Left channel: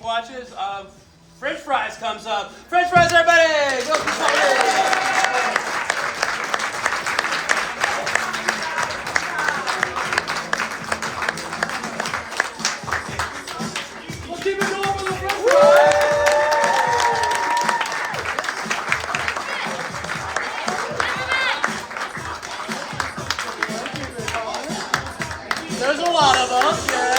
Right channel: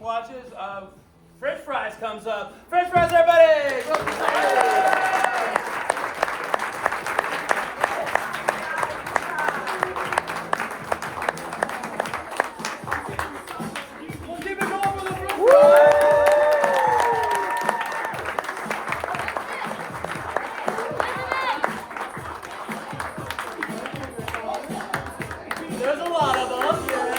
watches, French fries comes up. French fries, everybody! Go for We'll keep it going for the French fries! There's a lot of us, yeah.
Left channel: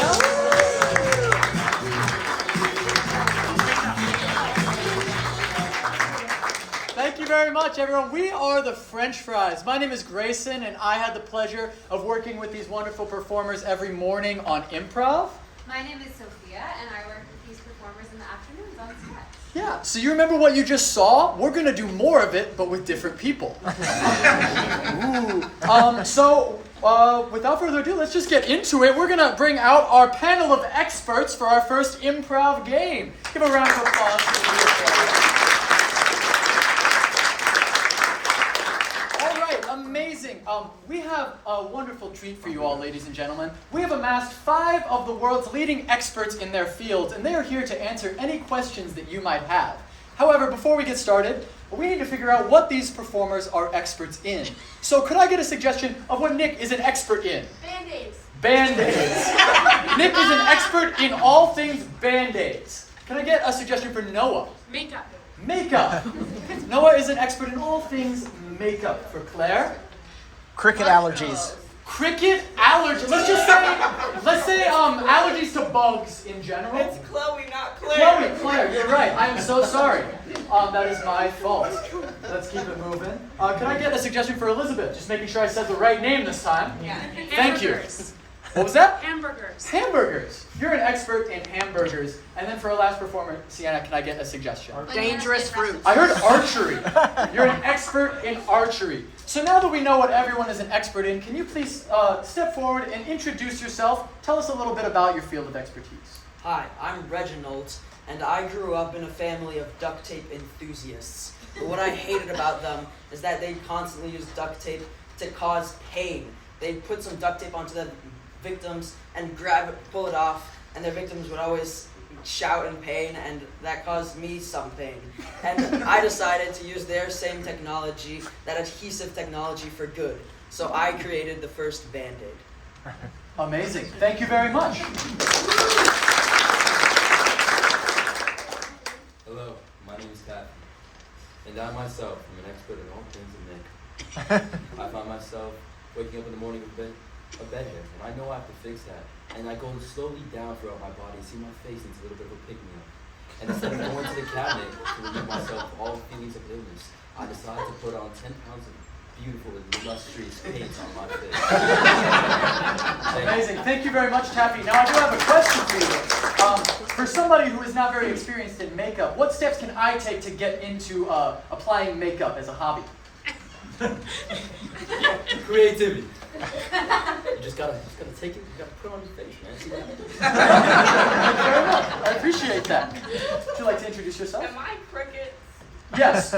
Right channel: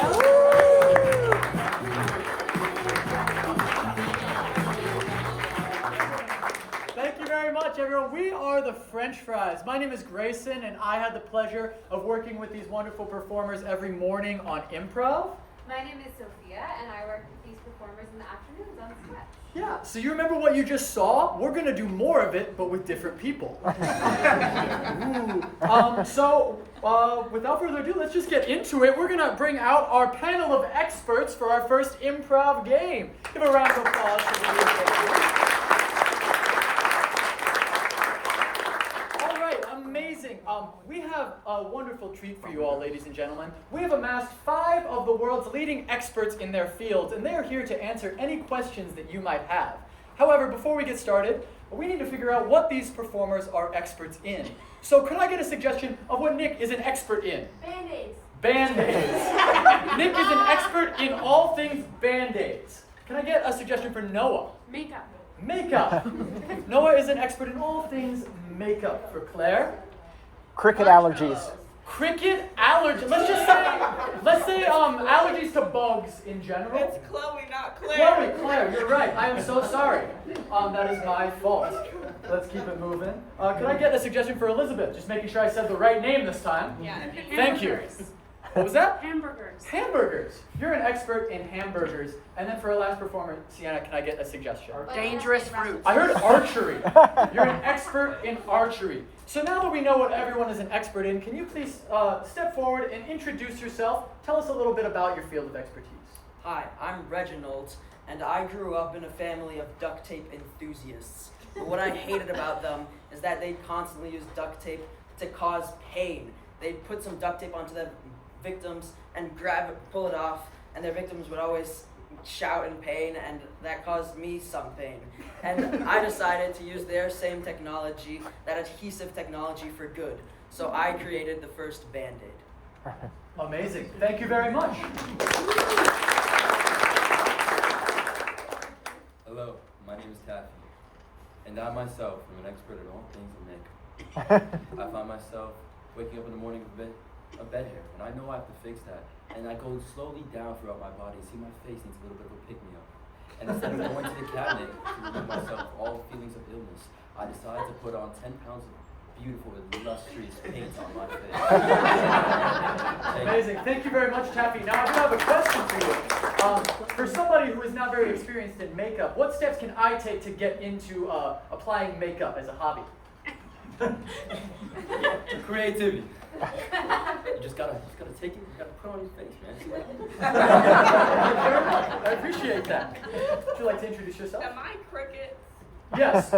Thank you very much, everyone. We are the French Fries. My name is Grayson, and I had the pleasure of working with these wonderful performers every morning on improv. My name is Sophia, and I work with these performers in the afternoons on sketch. Yeah, so you remember what you just saw? We're going to do more of it, but with different people. Ooh. Without further ado, let's just get into it. We're going to bring out our panel of experts for our first improv game. Give a round of applause for the All right, amazing. We have a wonderful treat for you all, ladies and gentlemen. We have amassed 5 of the world's leading experts in their fields, and they are here to answer any questions that you might have. However, before we get started, we need to figure out what these performers are experts in. So could I get a suggestion of what Nick is an expert in? Band-Aids. Band-Aids. Nick is an expert in all things Band-Aids. Can I get a suggestion for Noah? Makeup. Makeup. Noah is an expert in all things makeup. For Claire? Cricket allergies. Cricket allergy. Let's say allergies to bugs in general. It's Chloe, not Claire. Claire, you're right. I am so sorry. That is my fault. Let's keep it moving. Could I get a suggestion for Elizabeth? Just making sure I said the right name this time. Yeah. Thank you. What was that? Hamburgers. Hamburgers. You're an expert in hamburgers. And then for our last performer, Sienna, can I get a suggestion? Dangerous fruit. I heard archery. You're an expert in archery. So now that we know what everyone is an expert in, can you please step forward and introduce yourself? Tell us a little bit about your field of expertise. Hi, I'm Reginald, and I grew up in a family of duct tape enthusiasts. But what I hated about them is that they constantly use duct tape to cause pain. They'd put some duct tape onto the victims and grab it, pull it off, and their victims would always shout in pain, and that caused me some pain. And I decided to use their same technology, that adhesive technology, for good. So I created the first Band-Aid. Amazing. Thank you very much. Hello, my name is Taffy, and I myself am an expert in all things of makeup. I find myself waking up in the morning with a bed hair, and I know I have to fix that. And I go slowly down throughout my body, see my face needs a little bit of a pick-me-up. And instead of going to the cabinet to relieve myself of all feelings of illness, I decided to put on 10 pounds of beautiful, illustrious paint on my face. Amazing. Thank you very much, Taffy. Now, I do have a question for you. For somebody who is not very experienced in makeup, what steps can I take to get into applying makeup as a hobby? Creativity. You just gotta take it, you gotta put it on your face, man. See what happens? Thank you very much. I appreciate that. Would you like to introduce yourself? Am I cricket? Yes.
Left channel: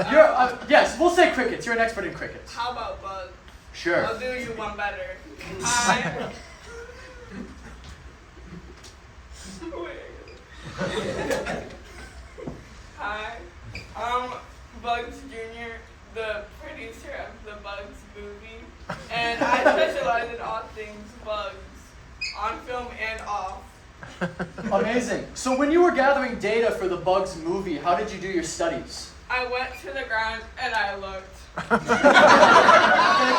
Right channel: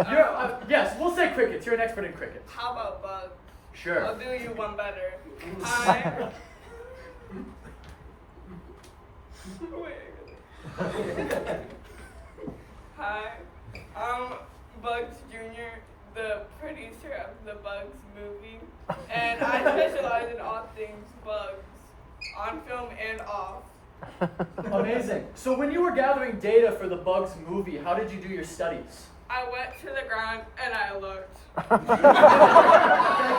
Yes, we'll say crickets. You're an expert in crickets. How about bugs? Sure. I'll do you one better. Hi. Hi. I'm Bugs Jr., the producer of the Bugs movie, and I specialize in all things bugs, on film and off. Amazing. So when you were gathering data for the Bugs movie, how did you do your studies? I went to the ground and I looked. Thank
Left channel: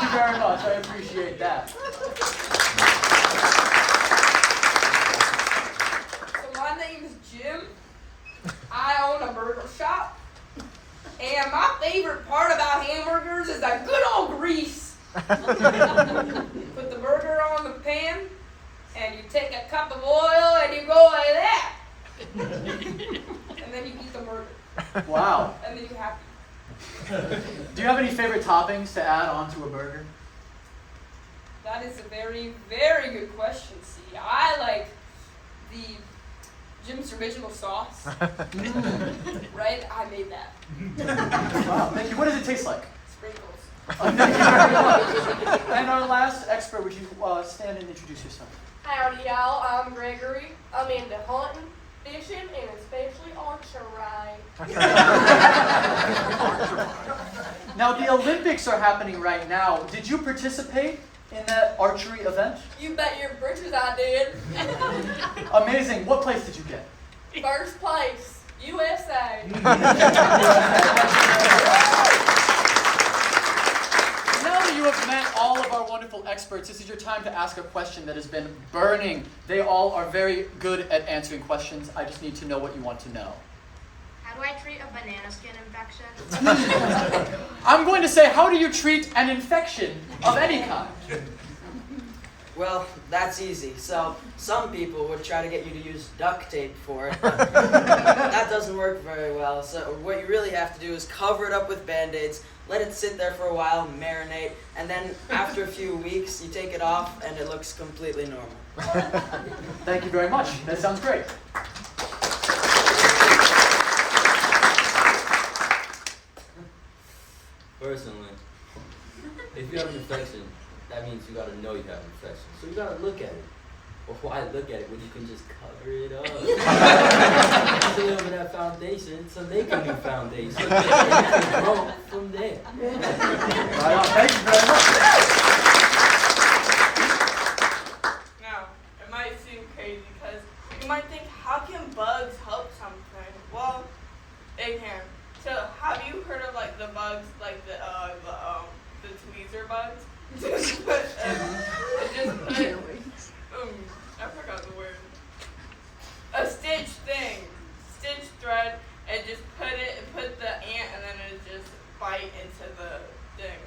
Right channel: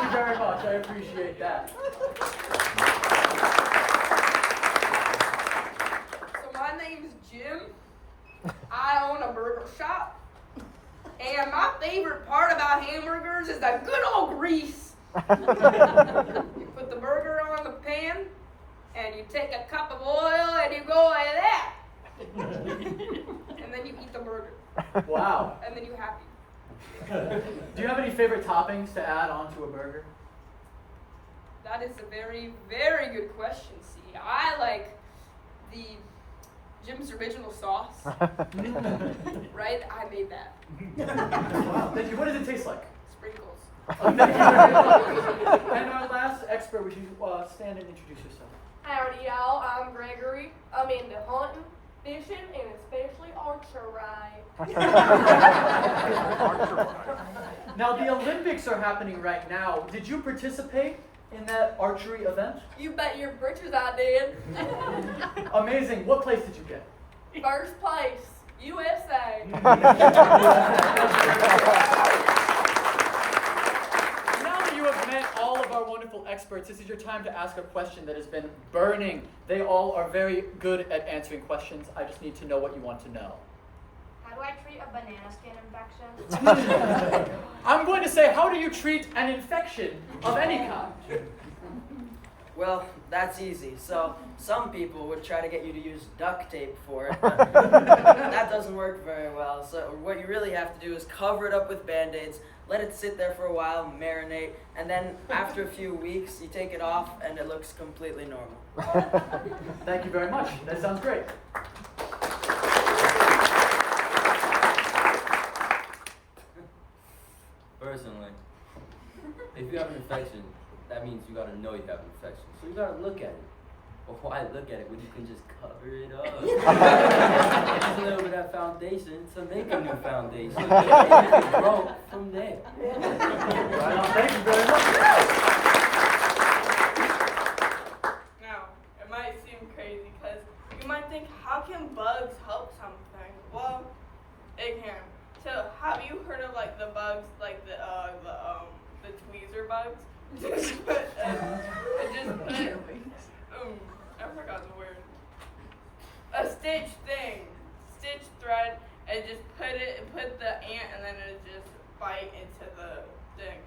you very much. I appreciate that. So my name's Jim. I own a burger shop. And my favorite part about hamburgers is that good old grease. Put the burger on the pan, and you take a cup of oil and you go like that. And then you eat the burger. Wow. And then you're happy. Do you have any favorite toppings to add onto a burger? That is a very, very good question, C. I like the Jim's original sauce. Right? I made that. Wow, thank you. What does it taste like? Sprinkles. Thank you very much. And our last expert, would you stand and introduce yourself? Howdy y'all, I'm Gregory. I'm into hunting, fishing, and archer ride. Now, the Olympics are happening right now. Did you participate in that archery event? You bet your britches I did. Amazing. What place did you get? First place, USA. Now that you have met all of our wonderful experts, this is your time to ask a question that has been burning. They all are very good at answering questions. I just need to know what you want to know. How do I treat a banana skin infection? I'm going to say, how do you treat an infection of any kind? Well, that's easy. So some people would try to get you to use duct tape for it, but that doesn't work very well. So what you really have to do is cover it up with Band-Aids, let it sit there for a while, marinate, and then after a few weeks, you take it off and it looks completely normal. Thank you very much. That sounds great. Personally, if you have an infection, that means you gotta know you have an infection. So you gotta look at it. Or why look at it when you can just cover it up? Just a little bit of foundation to make a new foundation. And you can grow from there. Right on. Thank you very much. Now, it might seem crazy because you might think, how can bugs help something? Well, it can. So, have you heard of like the bugs, like the tweezer bugs? I forgot the word. A stitch thing, stitch thread, and just put the ant, and then it just bite into the thing.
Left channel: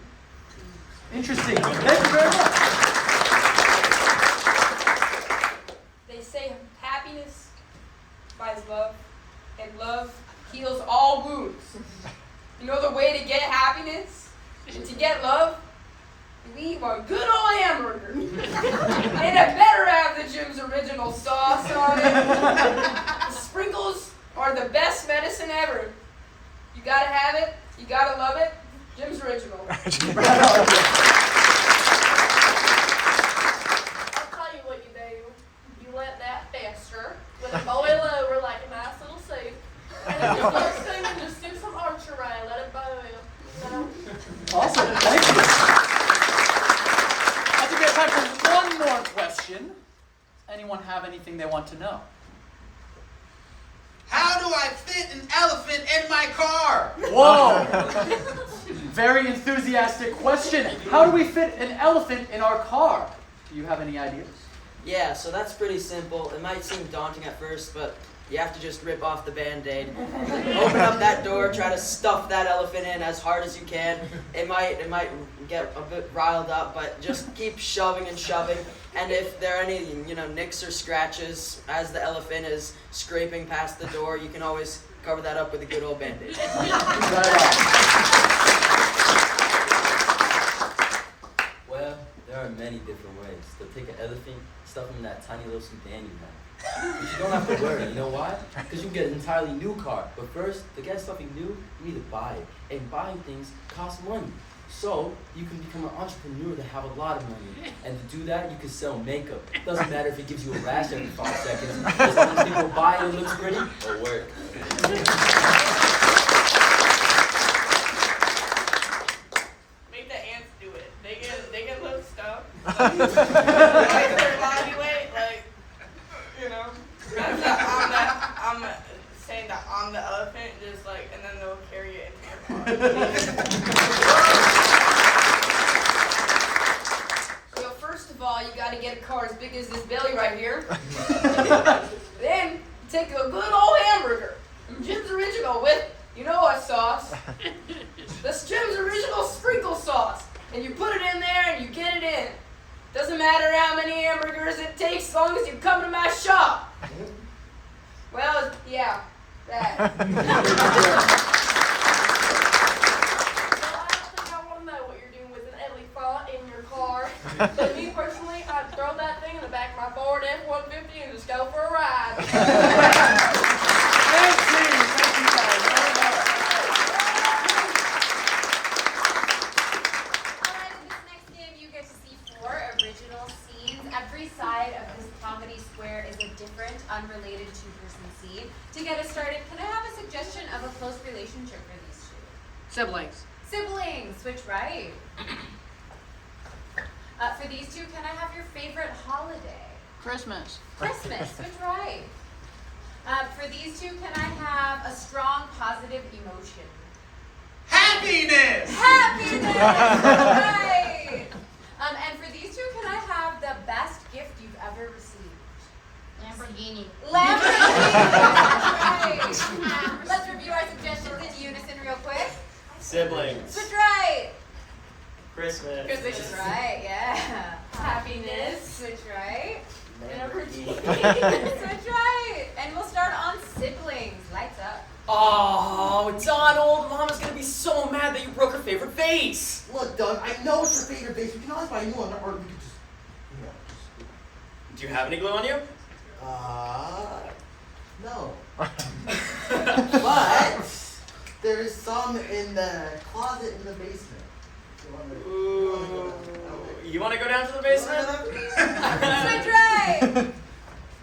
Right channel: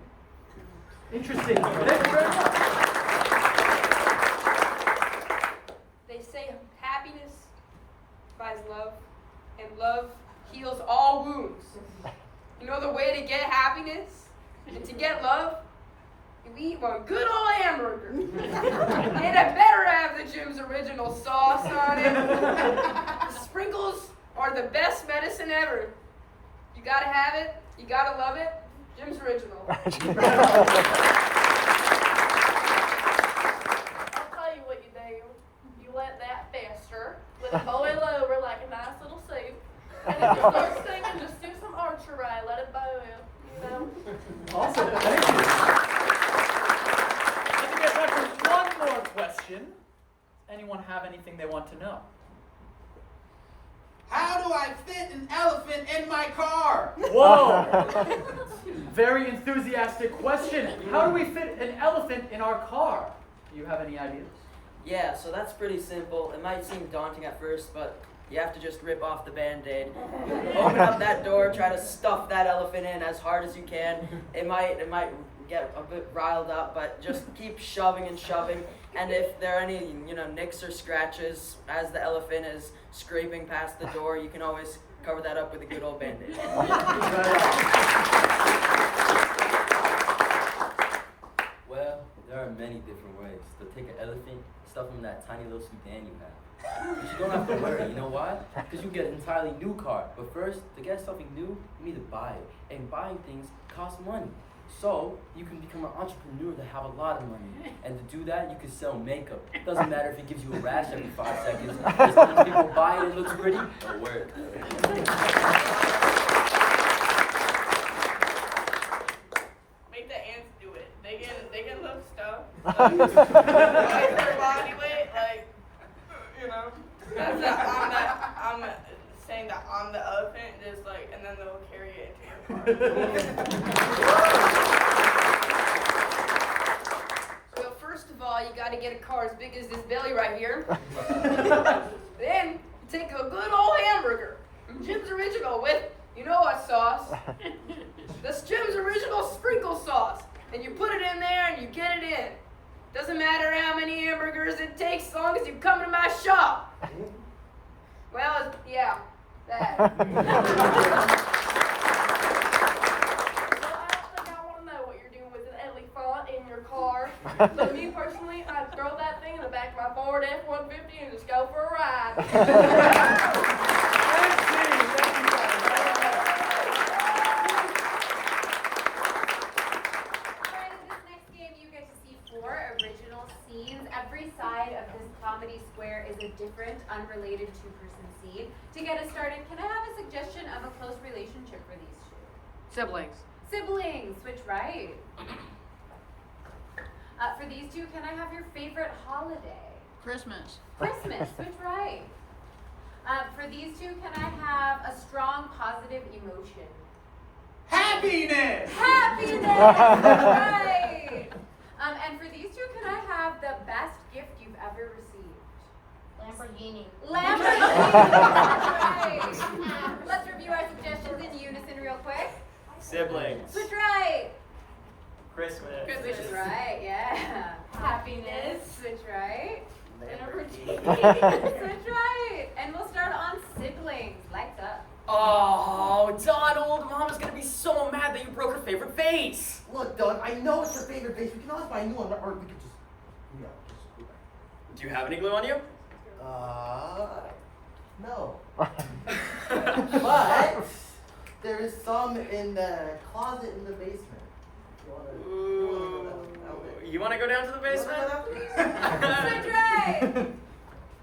Interesting. Thank you very much. They say happiness buys love, and love heals all wounds. You know the way to get happiness and to get love? You eat one good old hamburger. And it better have the Jim's original sauce on it. The sprinkles are the best medicine ever. You gotta have it, you gotta love it. Jim's original. I'll tell you what you do. You let that fester, let it boil over like a nice little soup, and if you start steaming, just do some archery, let it boil. You know? Awesome. Thank you. I think we have time for one more question. Does anyone have anything they want to know? How do I fit an elephant in my car? Whoa! Very enthusiastic question. How do we fit an elephant in our car? Do you have any ideas? Yeah, so that's pretty simple. It might seem daunting at first, but you have to just rip off the Band-Aid. Open up that door, try to stuff that elephant in as hard as you can. It might get a bit riled up, but just keep shoving and shoving. And if there are any, nicks or scratches as the elephant is scraping past the door, you can always cover that up with a good old Band-Aid. Well, there are many different ways to take an elephant, stuff him in that tiny little sedan you have. But you don't have to worry, you know why? Because you get an entirely new car. But first, to get something new, you need to buy it. And buying things costs money. So, you can become an entrepreneur that have a lot of money. And to do that, you can sell makeup. Doesn't matter if it gives you a rash every 5 seconds. As long as people buy it, it looks pretty, it'll work. Make the ants do it. They get little stuff. Like their body weight, like, that's I'm saying that on the elephant, just like, and then they'll carry it into your So first of all, you gotta get a car as big as this belly right here. Then take a good old hamburger, Jim's Original with, you know what sauce? That's Jim's Original sprinkle sauce. And you put it in there and you get it in. Doesn't matter how many hamburgers it takes as long as you come to my shop. Well, yeah, that. Well, I don't think I want to know what you're doing with an elephant in your car. So me personally, I'd throw that thing in the back of my Ford F-150 and just go for a ride. Thank you guys. Alright, in this next game you get to see 4 original scenes. Every side of this comedy square is a different, unrelated 2-person scene. To get us started, can I have a Siblings. Siblings, switch right. For these two, can I have your favorite holiday? Christmas. Christmas, switch right. For these two, can I have a strong positive emotion? Happiness! Happiness! Right! And for these two, can I have the best gift you've ever received? Lamborghini. Lamborghini! Right! Let's review our suggestions in unison real quick. Siblings. Switch right! Christmas. Switch right, yeah. Happiness. Switch right. Lamborghini. Switch right. And we'll start on siblings. Lights up. Oh, Donald, Mama's gonna be so mad that you broke her favorite vase. Look, Doug, I know it's your favorite base. We can always buy a new one, or we could just, Do you have any glue on you? no. But there is some in the closet in the basement. You want to go down to the basement? Switch right.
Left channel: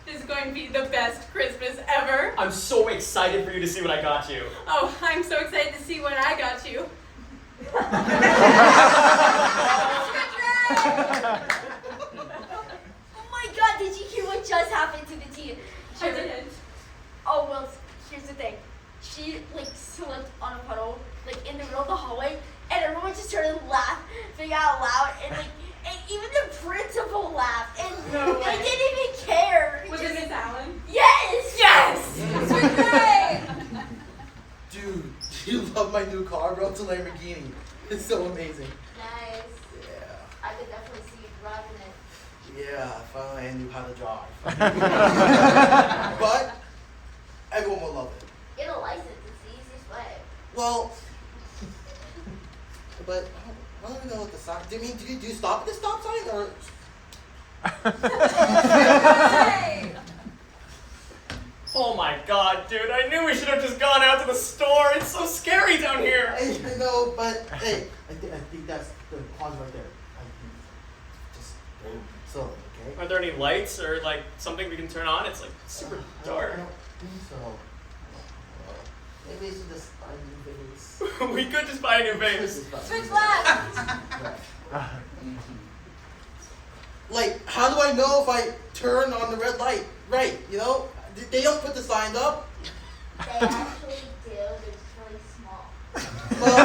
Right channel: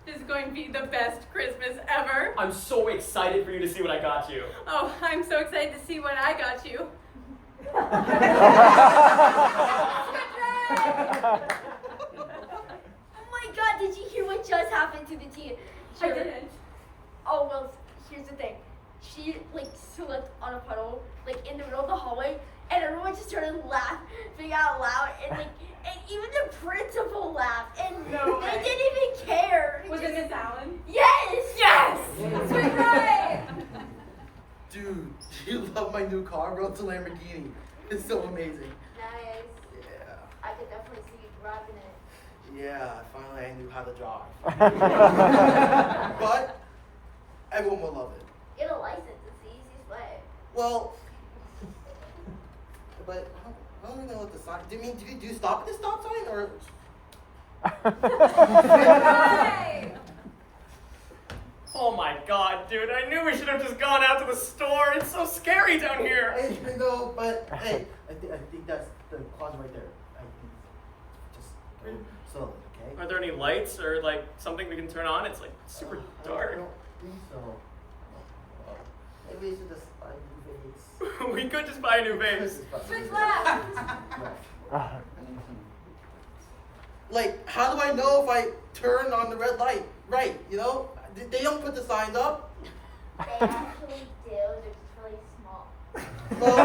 This is going to be the best Christmas ever. I'm so excited for you to see what I got you. Oh, I'm so excited to see what I got you. Oh my god, did you hear what just happened to the tea? I didn't. Oh, well, here's the thing. She, slipped on a puddle, in the middle of the hallway, and everyone just started laughing out loud, and, and even the principal laughed, and No they way. didn't even care. Was it Miss Allen? Yes! Yes! Switch right. Dude, do you love my new car, bro? It's a Lamborghini. It's so amazing. Nice. Yeah. I could definitely see you driving it. Yeah, finally I knew how to drive. But everyone will love it. Get a license, it's the easiest way. Well, but I don't know what the sign. Do you stop at the stop sign or? Right. Oh my god, dude, I knew we should have just gone out to the store. It's so scary down here. I know, but hey, I think that's the closet right there. Just go slowly, okay? Are there any lights or something we can turn on? It's super I dark. don't think so. Maybe we should just buy a new vase. We could just buy a new vase. Let's just buy a new Switch vase. left. Like, how do I know if I turn on the red light? Right, you know? They don't put the signs up. They actually do, they're just really small. Well,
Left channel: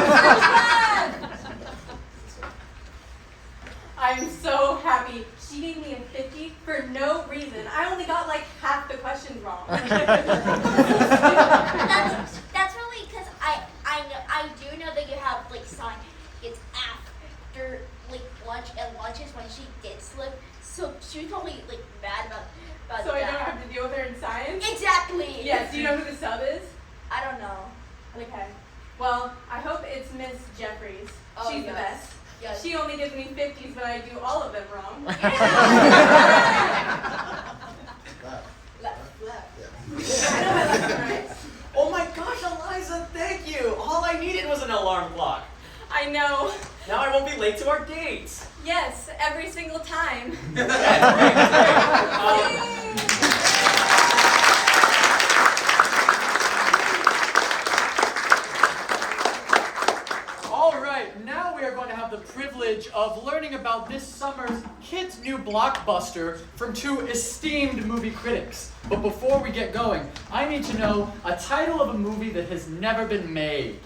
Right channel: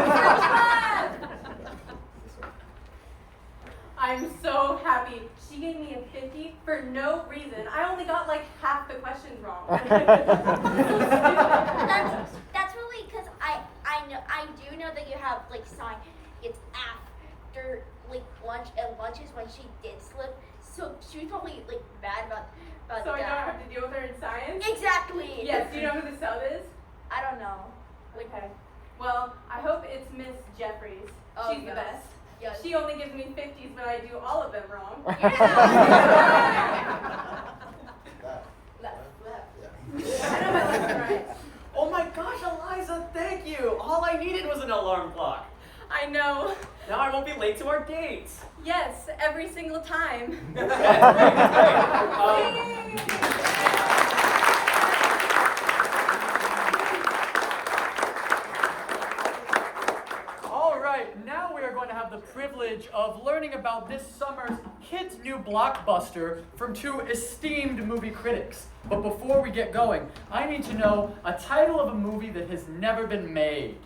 I'm so happy. She gave me a 50 for no reason. I only got half the questions wrong. That's really because I do know that you have sign. It's after lunch, and lunch is when she did slip. So she was probably mad about So that. I don't have to deal with her in science? Exactly. Yes, do you know who the sub is? I don't know. Okay. Well, I hope it's Miss Jeffries. Oh, She's the yes. best. Yes. She only gives me 50s, but I do all of them wrong. Left, left. I know my left and right. Oh my gosh, Eliza, thank you. All I needed was an alarm clock. I know. Now I won't be late to our date. Yes, every single time. All right, now we are going to have the privilege of learning about this summer's kids' new blockbuster from two esteemed movie critics. But before we get going, I need to know a title of a movie that has never been made.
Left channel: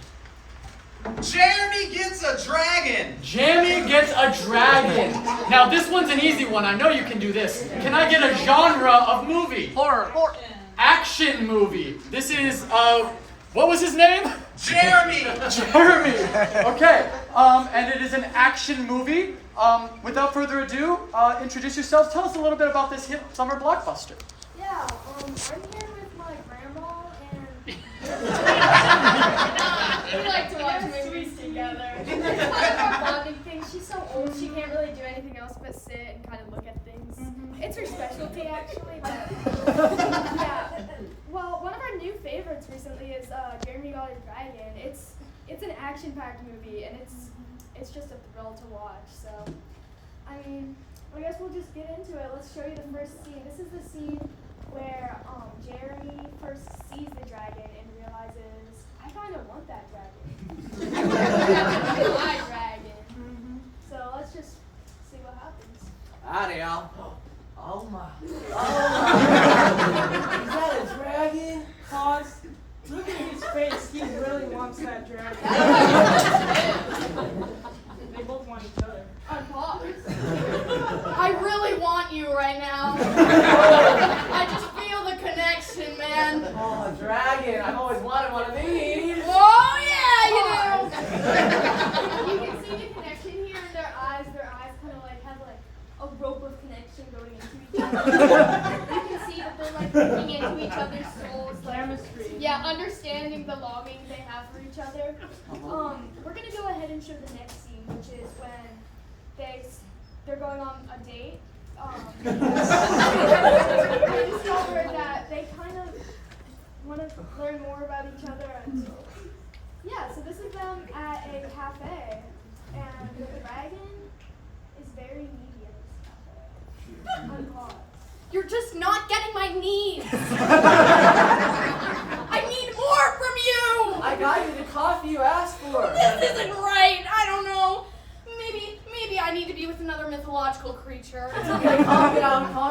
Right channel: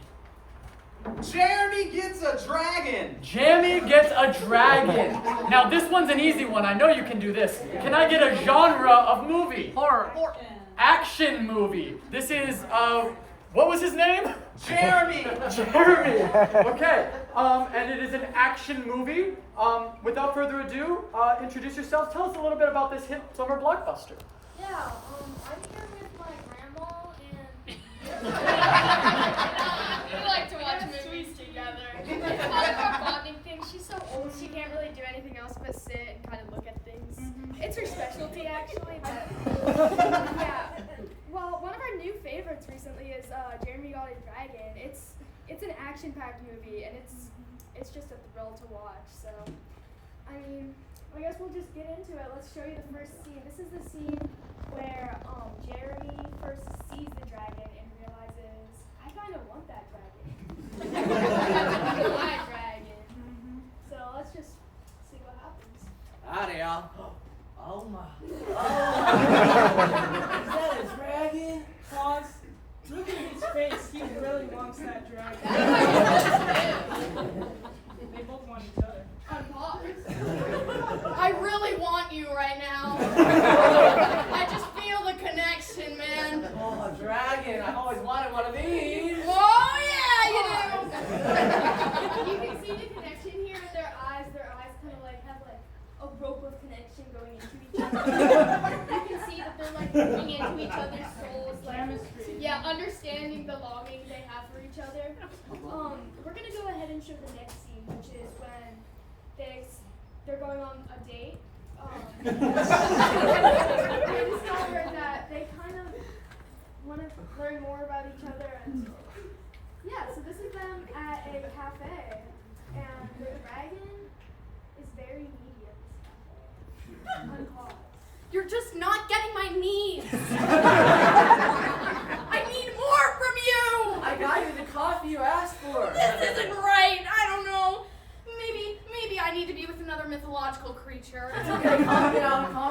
Jeremy gets a dragon. Jamie Gets a Dragon. Now this one's an easy one. I know you can do this. Can I get a genre of movie? Horror. Action movie. This is, what was his name? Jeremy. Jeremy. Okay. And it is an action movie. Without further ado, introduce yourselves. Tell us a little bit about this hit summer blockbuster. Yeah. I'm here with my grandma and. We like to watch movies together. It's kind of our bonding thing. She's so old, she can't really do anything else but sit and kind of look at things. It's her specialty, actually. But yeah. Well, one of our new favorites recently is Jeremy Got a Dragon. It's an action-packed movie, and it's just a thrill to watch. So, I mean, I guess we'll just get into it. Let's show you the first scene. This is the scene where Jeremy first sees the dragon and realizes, I kind of want that dragon. My dragon. So let's just see what happens. Howdy, y'all. Oh my. Is that a dragon? Pause. Look at his face. He really wants that dragon. They both want each other. Unpause. I really want you right now. I just feel the connection, man. Oh, a dragon. I've always wanted one of these. Oh yeah, you know. You can see the connection here in their eyes. Their eyes kind of like have like a rope of connection going into each other. You can see that they're like looking into each other's souls, like Chemistry. yeah, understanding the longing they have for each other. We're gonna go ahead and show the next scene, which is when they're going on a date. They discover that they kind of want to learn more about each other, and yeah, so this is them at a cafe, and the dragon is very needy at this cafe. Unpause. You're just not getting my needs. I need more from you. I got you the coffee you asked for. This isn't right. I don't know. Maybe I need to be with another mythological creature. It's okay. Calm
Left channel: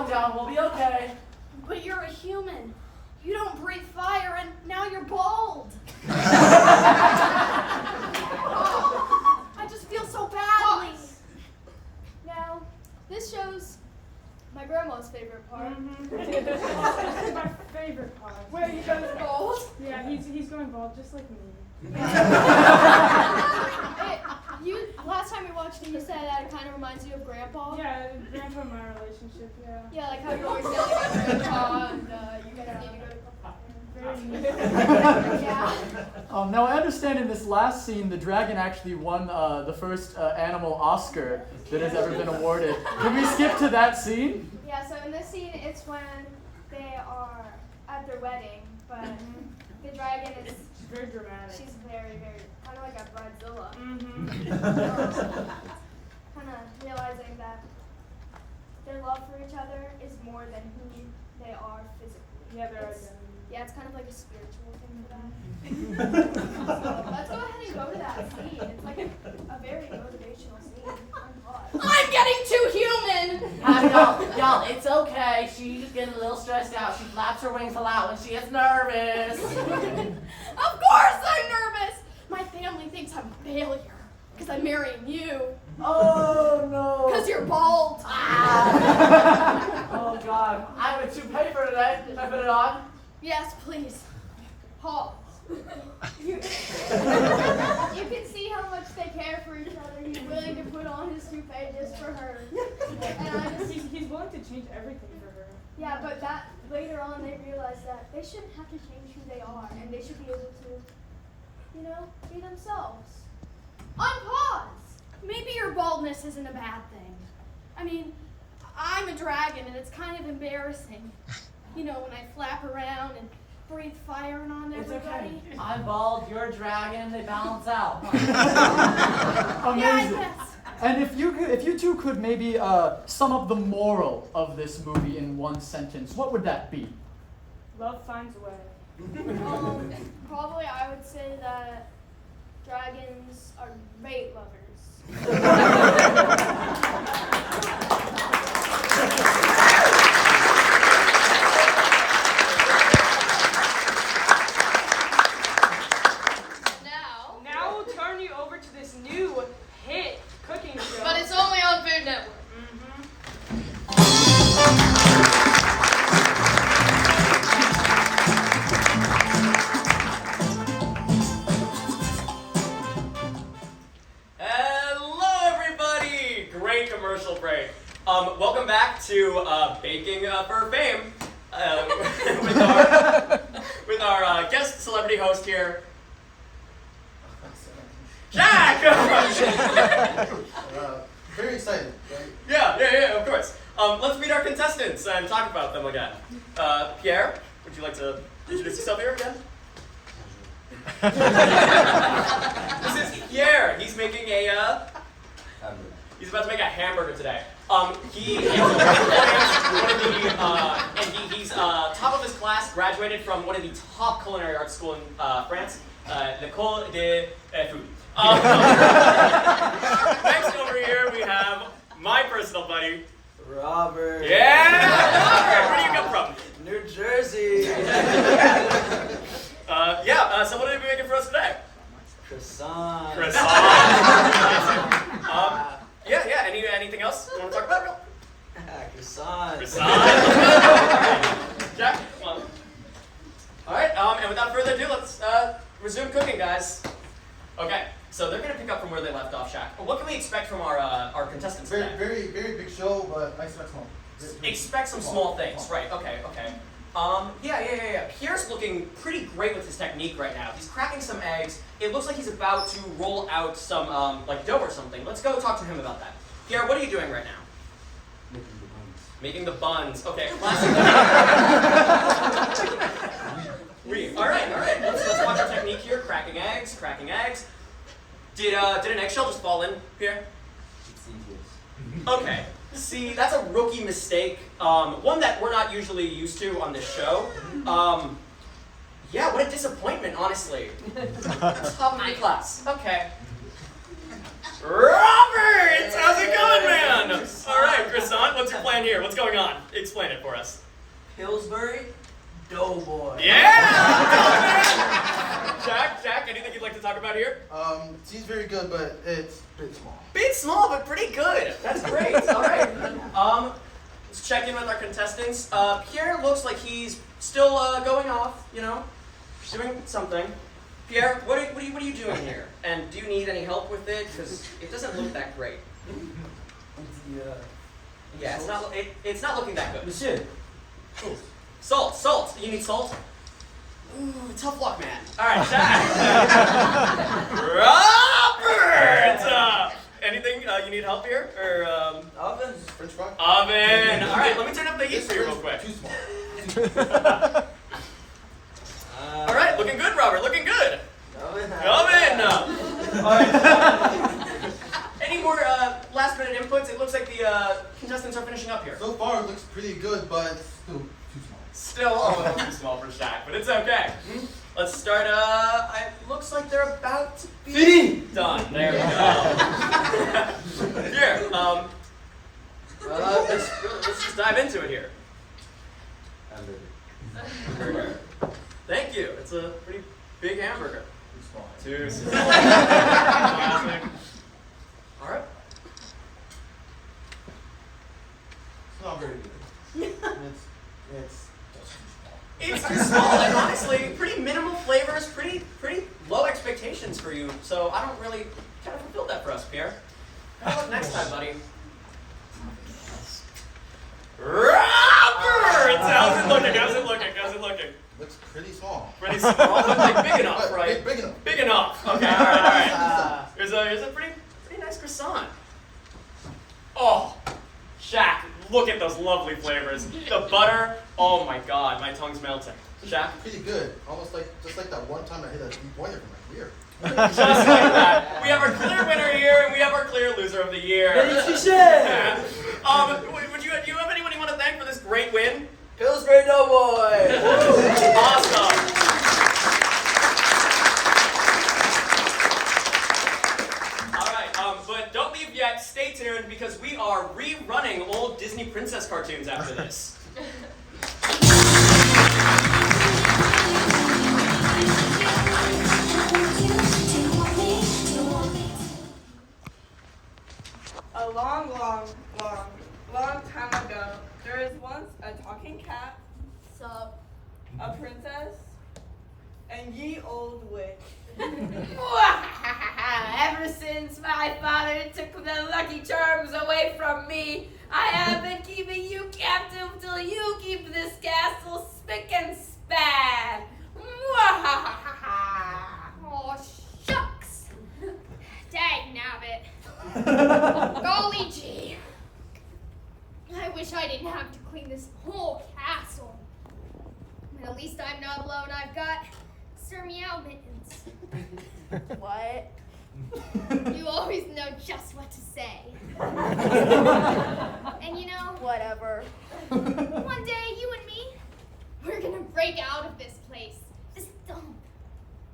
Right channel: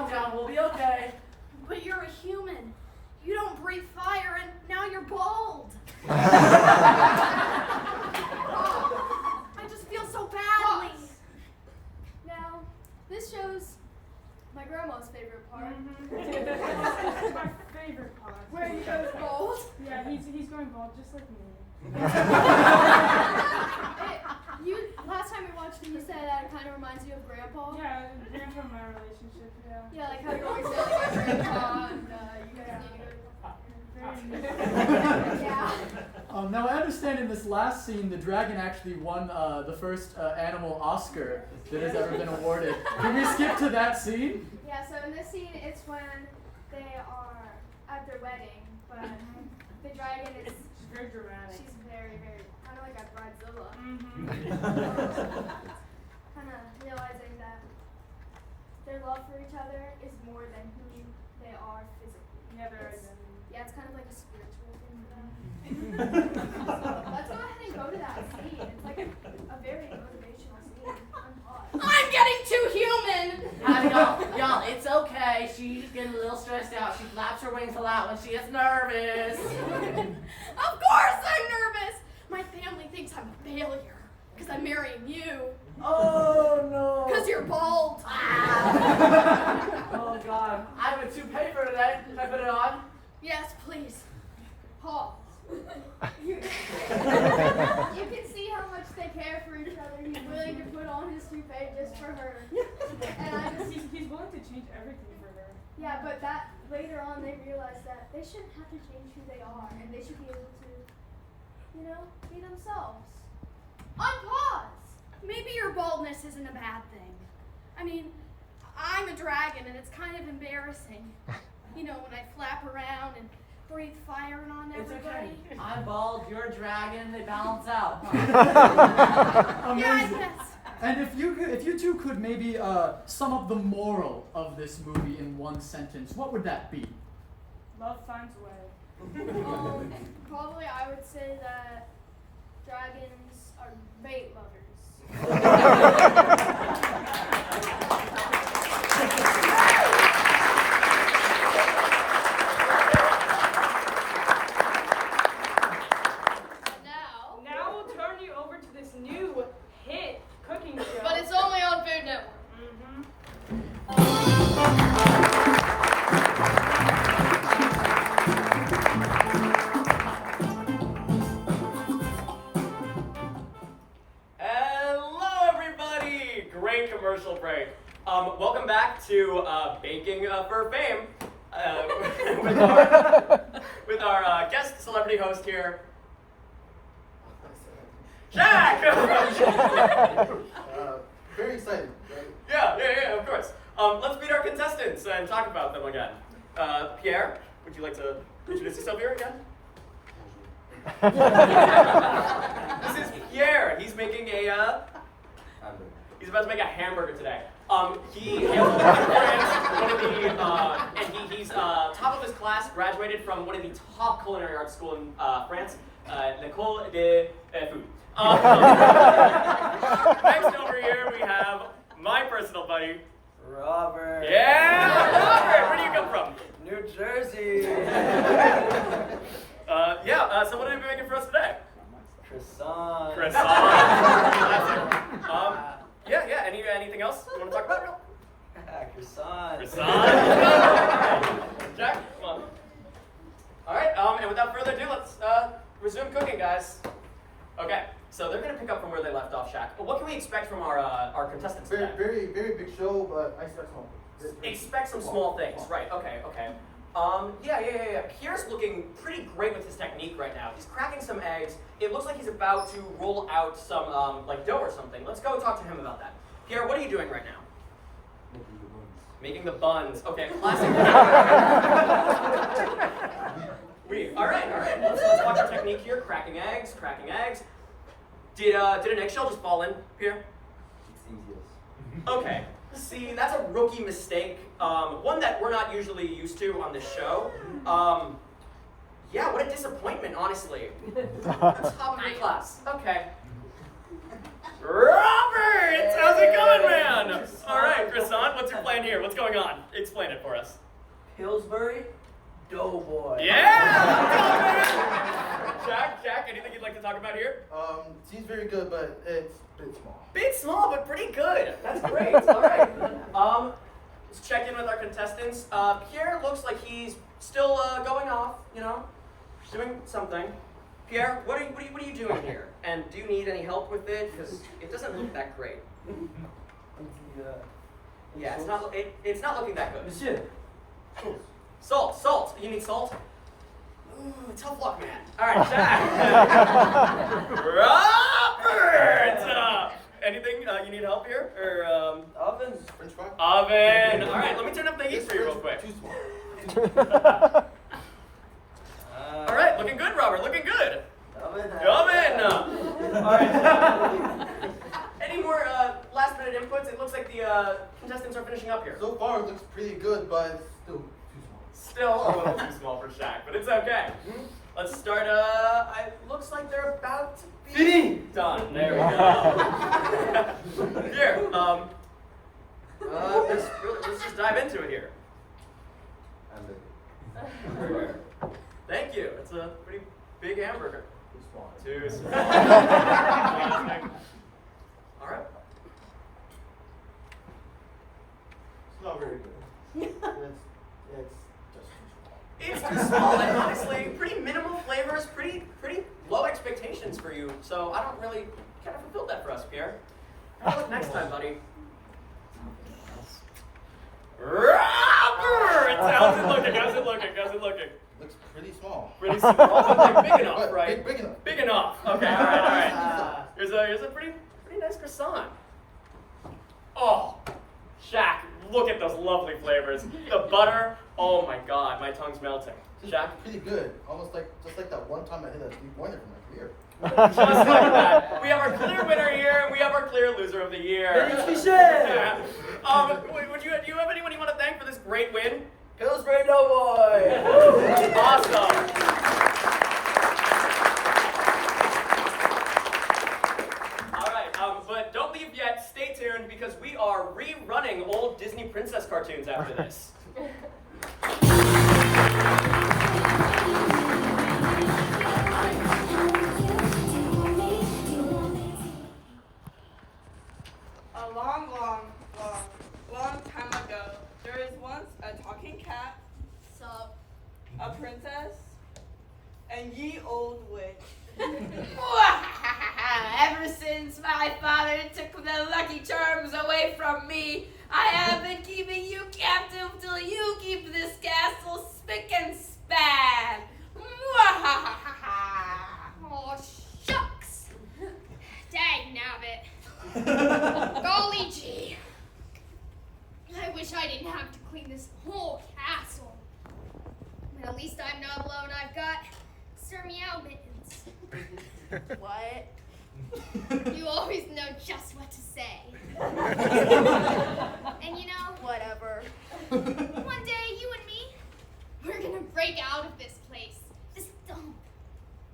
down. We'll be okay. But you're a human. You don't breathe fire, and now you're bald. I just feel so badly. Now, this shows my grandma's favorite part. This is my favorite part. Where he goes bald. Yeah, he's going bald just like me. Last time we watched it, you said that it kind of reminds you of Grandpa. Yeah, Grandpa and my relationship, yeah. Yeah, like how you're always yelling at Grandpa, and you guys need to go to Very yeah. Now I understand in this last scene, the dragon actually won the first animal Oscar that has ever been awarded. Can we skip to that scene? Yeah, so in this scene, it's when they are at their wedding, but the dragon is... She's very dramatic. She's very, very, kind of like a bridezilla. Kind of realizing that their love for each other is more than who they are physically. Yeah, their It's- identity. Yeah, it's kind of like a spiritual thing for them. So let's go ahead and go to that scene. It's like a very motivational scene. Unpause. I'm getting too human! Y'all, it's okay. She's getting a little stressed out. She flaps her wings a lot when she gets nervous. Of course I'm nervous! My family thinks I'm a failure because I'm marrying you. Oh no. Because you're bald. Oh God. I have a toupee for today. Can I put it on? Yes, please. Pause. You can see how much they care for each other. He's willing to put on his toupee just for her. And I just, He's willing to change everything for her. yeah, but that later on they realize that they shouldn't have to change who they are, and they should be able to, be themselves. Unpause. Maybe your baldness isn't a bad thing. I mean, I'm a dragon, and it's kind of embarrassing. When I flap around and breathe fire on It's everybody. okay. I'm bald, you're a dragon, they balance out. Amazing. Yeah, I guess. And if you two could maybe sum up the moral of this movie in one sentence, what would that be? Love finds a way. Probably I would say that dragons are mate lovers. Now we'll turn you over to this new hit cooking show. But it's only on Food Network. Hello, everybody! Great commercial break. Welcome back to Baking for Fame with our guest celebrity host here, Jack. Very excited, right? Yeah, of course. Let's meet our contestants and talk about them again. Pierre, would you like to introduce yourself here again? This is Pierre. He's making he's about to make a hamburger today. He is he's top of his class, graduated from one of the top culinary arts school in France, l'École de Food. Next over here we have my personal buddy, Robert. Yeah, Robert. Where do you come from? New Jersey. So what are you making for us today? Croissant. Croissant. Classic. Anything else you want to talk about? Croissant. Croissant. Jack, come on. All right. And without further ado, let's resume cooking, guys. Okay. So they're gonna pick up from where they left off, Shaq. But what can we expect from our contestants today? Very big show, but I expect small. Expect some small things, right? Okay. Pierre's looking pretty great with his technique right now. He's cracking some eggs. It looks like he's about to roll out some like dough or something. Let's go talk to him about that. Pierre, what are you doing right now? Making the buns. Okay, classic. All right. Let's watch our technique here. Cracking eggs. Did an eggshell just fall in, Pierre? It seems yes. Okay. See, that's a rookie mistake. One that we're not usually used to on this show. What a disappointment, honestly. Top of the class. Okay. Robert! How's it going, man? All right, Croissant, what's your plan here? What's going on? Explain it for us. Pillsbury Doughboy. Yeah! Jack, anything you'd like to talk about here? Seems very good, but it's a bit small. Bit small, but pretty good. That's great. All right. Let's check in with our contestants. Pierre looks like he's still going off, doing something. Pierre, what are you doing here? And do you need any help with it? Because it doesn't look that great. Yeah, it's not looking that good. Monsieur. Salt. You need salt? Ooh, tough luck, man. All right, Jack. Robert! Anything you need help here? Or Oven. French fry? Oven. All right, let me turn up the heat for you real quick. Too small. All right, looking good, Robert. Looking good. Oven. Any more last-minute inputs? It looks like the contestants are finishing up here. So far, it looks pretty good, but it's still too small. Still a little too small for Shaq, but it's okay. Let's start. It looks like they're about to be done. There we go. Here. Let's just dive into it here. Hamburger. Thank you. It's a pretty big hamburger. Too small. All right. It's not very good. It's just too small. It's too small, and honestly, pretty minimal flavors, pretty low expectations for you. So I don't really kind of fulfill that for us, Pierre. Good luck next time, buddy. Robert! How's it looking? Looks pretty small. Pretty small, but like big enough, right? Big enough. Big enough. Okay, all right. Here's a pretty nice croissant. Oh, Shaq, look at those lovely flavors. The butter, oh my God, my tongue's melting. Shaq? Pretty good. Just like that one time I hit a three-pointer for my career. Just like that. We have our clear winner here, and we have our clear loser of the year. Do you have anyone you want to thank for this great win? Pillsbury Doughboy. Awesome. All right, but don't leave yet. Stay tuned because we are rerunning old Disney princess cartoons after this. A long time ago, there was once a talking cat, Sup? a princess, and ye old witch. Ever since my father took the Lucky Charms away from me, I have been keeping you captive till you keep this castle spick and span. Oh, shucks. Dang nabbit. Golly gee. I wish I didn't have to clean this whole castle. But at least I'm not alone. I've got Sir Meow Mittens. What? You always know just what to say. And you know, whatever. One day, you and me, we're gonna break out of this place, this dump,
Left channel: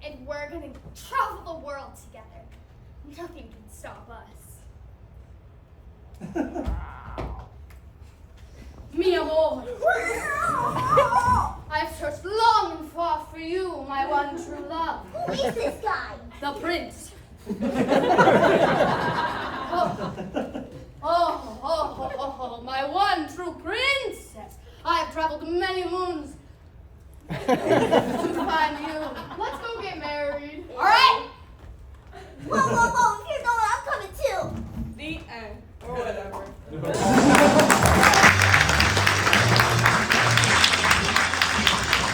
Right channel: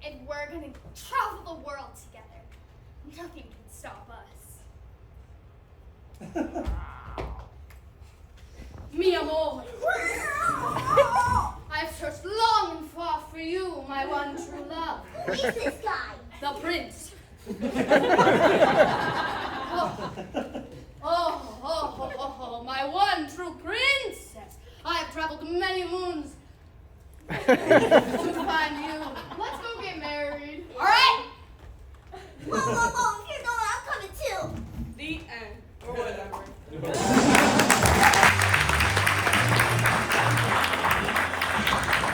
and we're gonna travel the world together. Nothing can stop us. Mi amor. I've searched long and far for you, my one true love. Who is this guy? The prince. Oh, my one true princess. I have traveled many moons to find you. Let's go get married. All right. Whoa, whoa, whoa!